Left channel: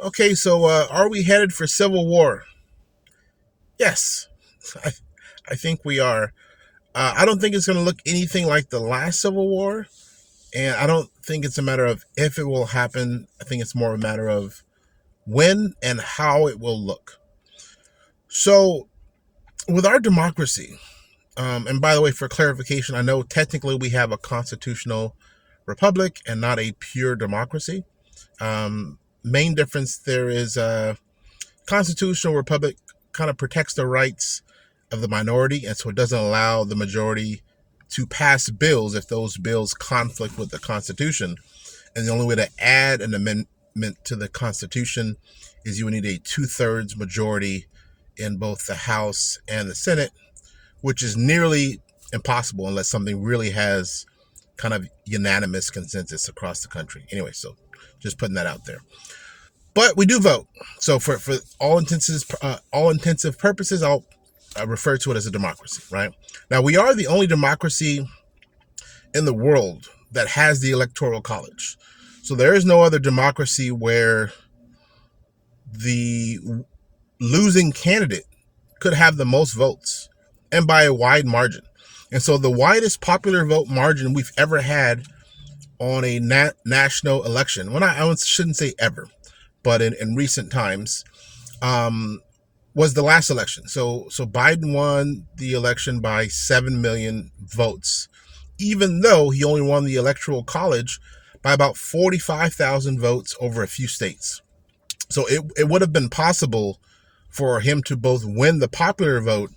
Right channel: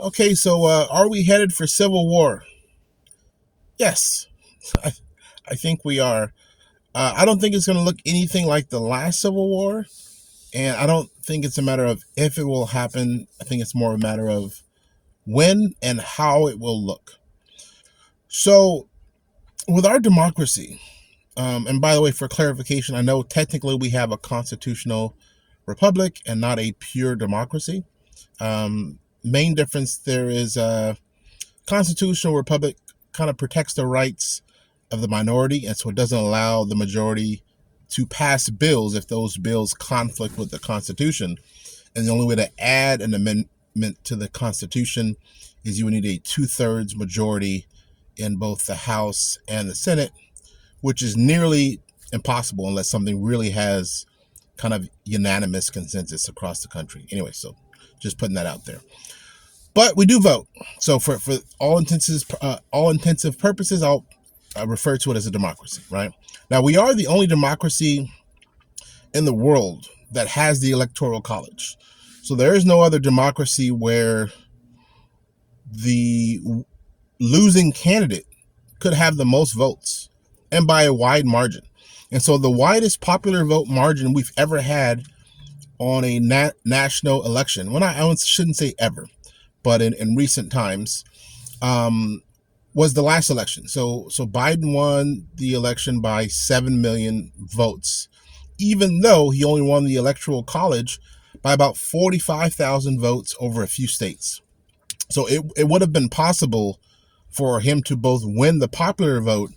Okay, so are we headed for civil war? Yes, I, I think we are. I don't think it's going to look anything like the last civil war, and I don't think it's a matter of if it will happen. I think it's more a matter of when and how it will look. So, with our democracy, and by the way, for clarification, I know technically we have a constitutional republic and not a pure democracy. Main difference there is constitutional republic kind of protects the rights of the minority, and so it doesn't allow the majority to pass bills if those bills conflict with the Constitution. And the only way to add an amendment to the Constitution is you would need a two-thirds majority in both the House and the Senate, which is nearly impossible unless something really has kind of unanimous consensus across the country. Anyway, so just putting that out there. But we do vote. So for all intensive purposes, I'll refer to it as a democracy, right? Now, we are the only democracy in the world that has the Electoral College. So there is no other democracy where the losing candidate could have the most votes, and by a wide margin. And so the widest popular vote margin we've ever had on a national election, well, I shouldn't say ever, but in recent times, was the last election. So Biden won the election by 7 million votes, even though he only won the Electoral College by about 45,000 votes over a few states. So it would have been possible for him to both win the popular vote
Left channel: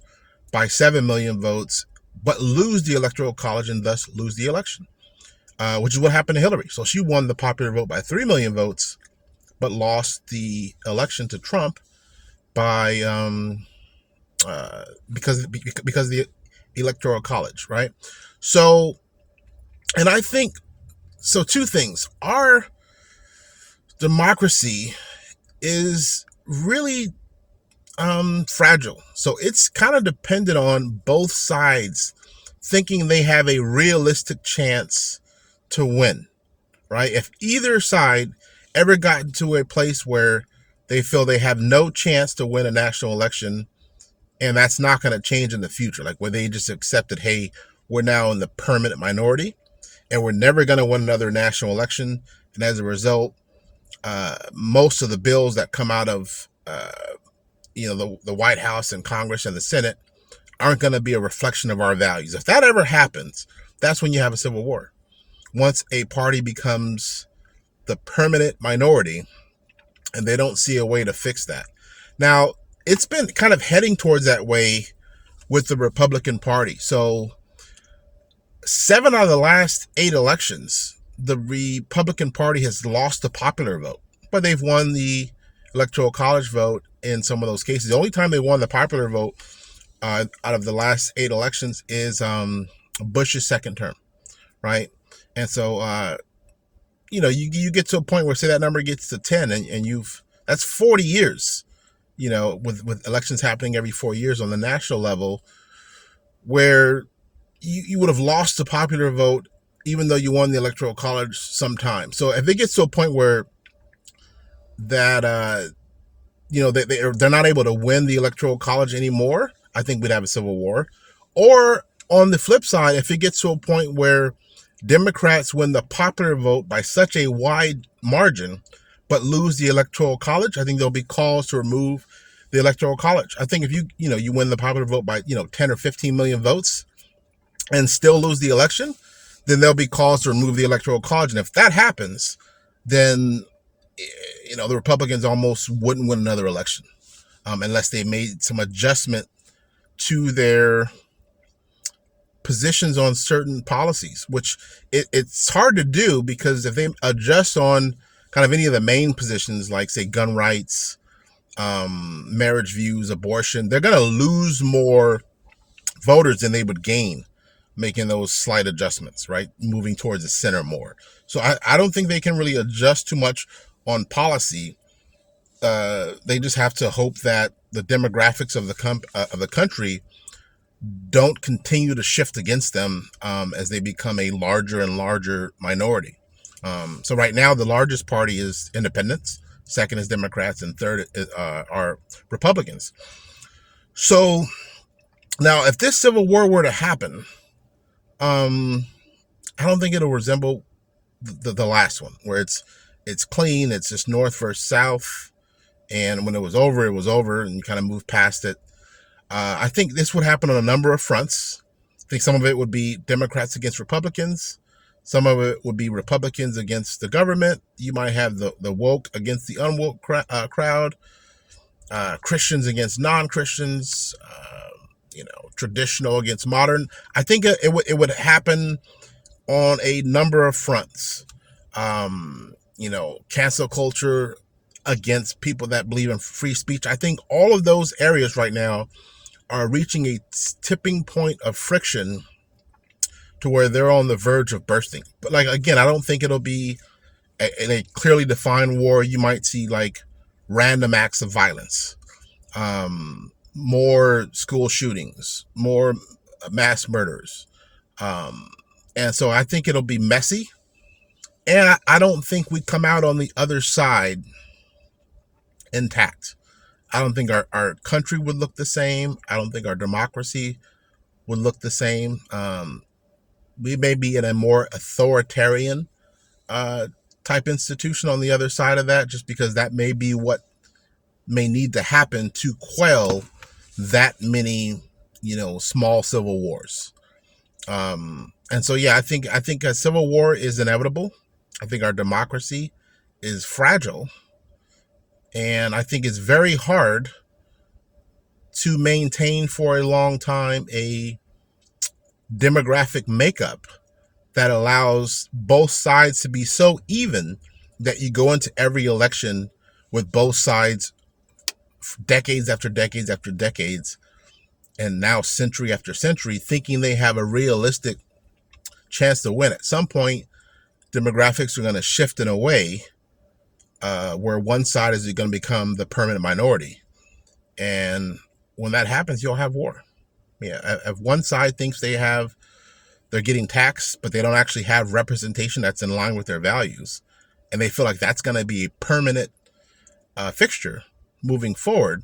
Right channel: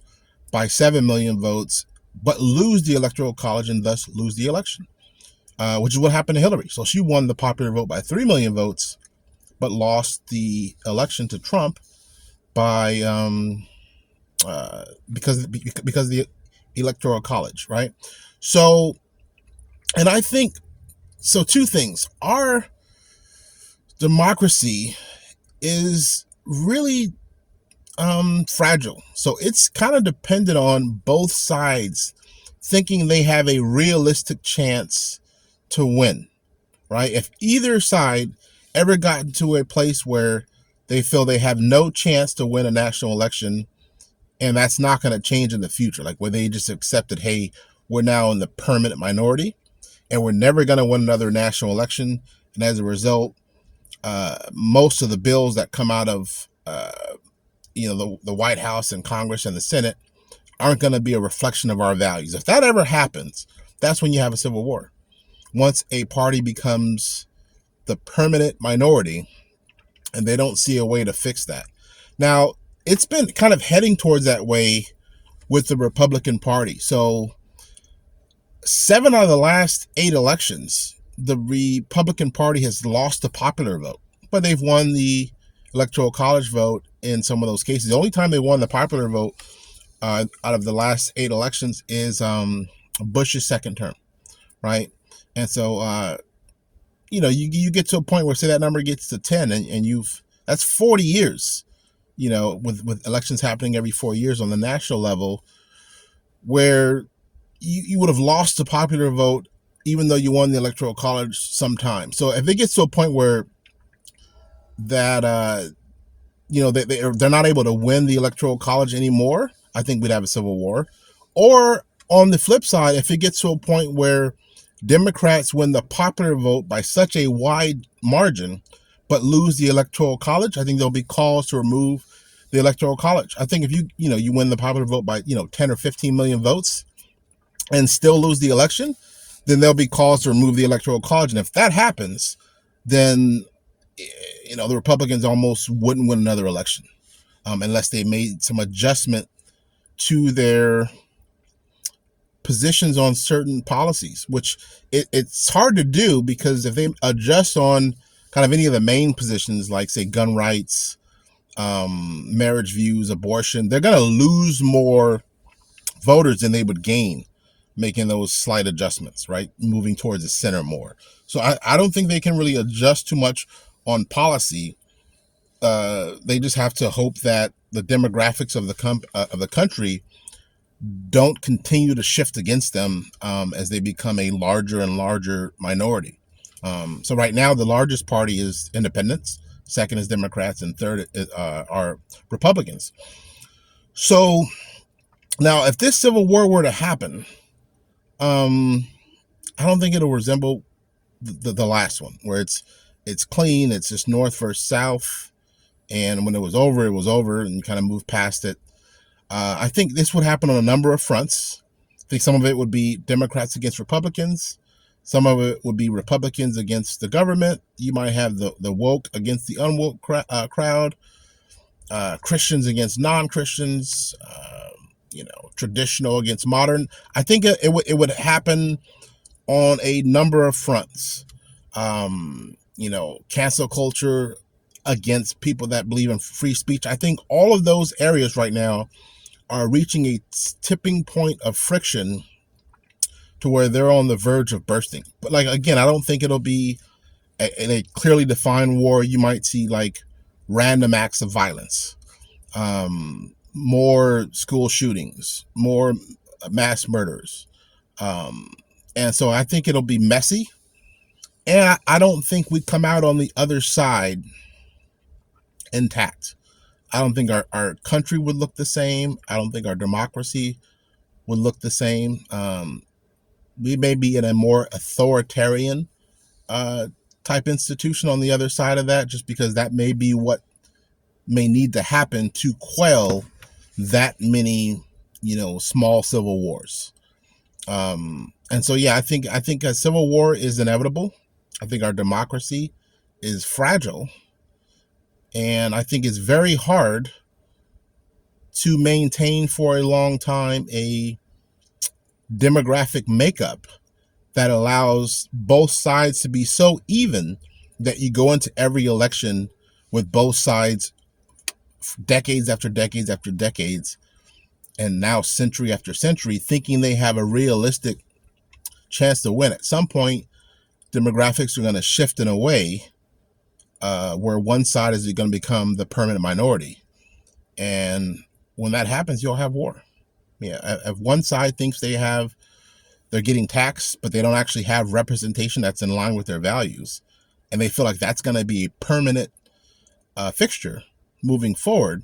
by 7 million votes, but lose the Electoral College and thus lose the election, which is what happened to Hillary. So she won the popular vote by 3 million votes, but lost the election to Trump by because of the Electoral College, right? So, and I think so. Two things: our democracy is really fragile, so it's kind of dependent on both sides thinking they have a realistic chance to win, right? If either side ever got to a place where they feel they have no chance to win a national election, and that's not going to change in the future, like where they just accepted, hey, we're now in the permanent minority and we're never going to win another national election, and as a result, most of the bills that come out of the White House and Congress and the Senate aren't going to be a reflection of our values. If that ever happens, that's when you have a civil war. Once a party becomes the permanent minority and they don't see a way to fix that. Now, it's been kind of heading towards that way with the Republican Party. So 7 out of the last 8 elections, the Republican Party has lost the popular vote, but they've won the Electoral College vote in some of those cases. The only time they won the popular vote out of the last 8 elections is Bush's second term, right? And so, you get to a point where, say, that number gets to 10, and that's 40 years, with elections happening every 4 years on the national level, where you would have lost the popular vote even though you won the Electoral College sometime. So if it gets to a point where that they're not able to win the Electoral College anymore, I think we'd have a civil war. Or on the flip side, if it gets to a point where Democrats win the popular vote by such a wide margin but lose the Electoral College, I think there'll be calls to remove the Electoral College. I think if you win the popular vote by 10 or 15 million votes and still lose the election, then there'll be calls to remove the Electoral College. And if that happens, then the Republicans almost wouldn't win another election unless they made some adjustment to their positions on certain policies, which it's hard to do, because if they adjust on kind of any of the main positions, like, say, gun rights, marriage views, abortion, they're going to lose more voters than they would gain making those slight adjustments, right? Moving towards the center more. So I don't think they can really adjust too much on policy. They just have to hope that the demographics of the country don't continue to shift against them as they become a larger and larger minority. So right now, the largest party is independents, second is Democrats, and third are Republicans. So now, if this civil war were to happen, I don't think it'll resemble the last one, where it's clean, it's just North versus South, and when it was over, and you kind of move past it. I think this would happen on a number of fronts. I think some of it would be Democrats against Republicans. Some of it would be Republicans against the government. You might have the woke against the unwoke crowd, Christians against non-Christians, traditional against modern. I think it would happen on a number of fronts. Cancel culture against people that believe in free speech. I think all of those areas right now are reaching a tipping point of friction to where they're on the verge of bursting. But again, I don't think it'll be in a clearly defined war. You might see random acts of violence, more school shootings, more mass murders. And so I think it'll be messy. And I don't think we come out on the other side intact. I don't think our country would look the same. I don't think our democracy would look the same. We may be in a more authoritarian type institution on the other side of that, just because that may be what may need to happen to quell that many, small civil wars. And so, yeah, I think a civil war is inevitable. I think our democracy is fragile. And I think it's very hard to maintain for a long time a demographic makeup that allows both sides to be so even that you go into every election with both sides decades after decades after decades, and now century after century, thinking they have a realistic chance to win. At some point, demographics are going to shift in a way where one side is going to become the permanent minority. And when that happens, you'll have war. Yeah, if one side thinks they're getting taxed, but they don't actually have representation that's in line with their values, and they feel like that's going to be a permanent fixture moving forward,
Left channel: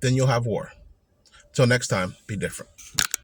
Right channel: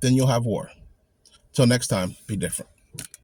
then you'll have war. Till next time, be different.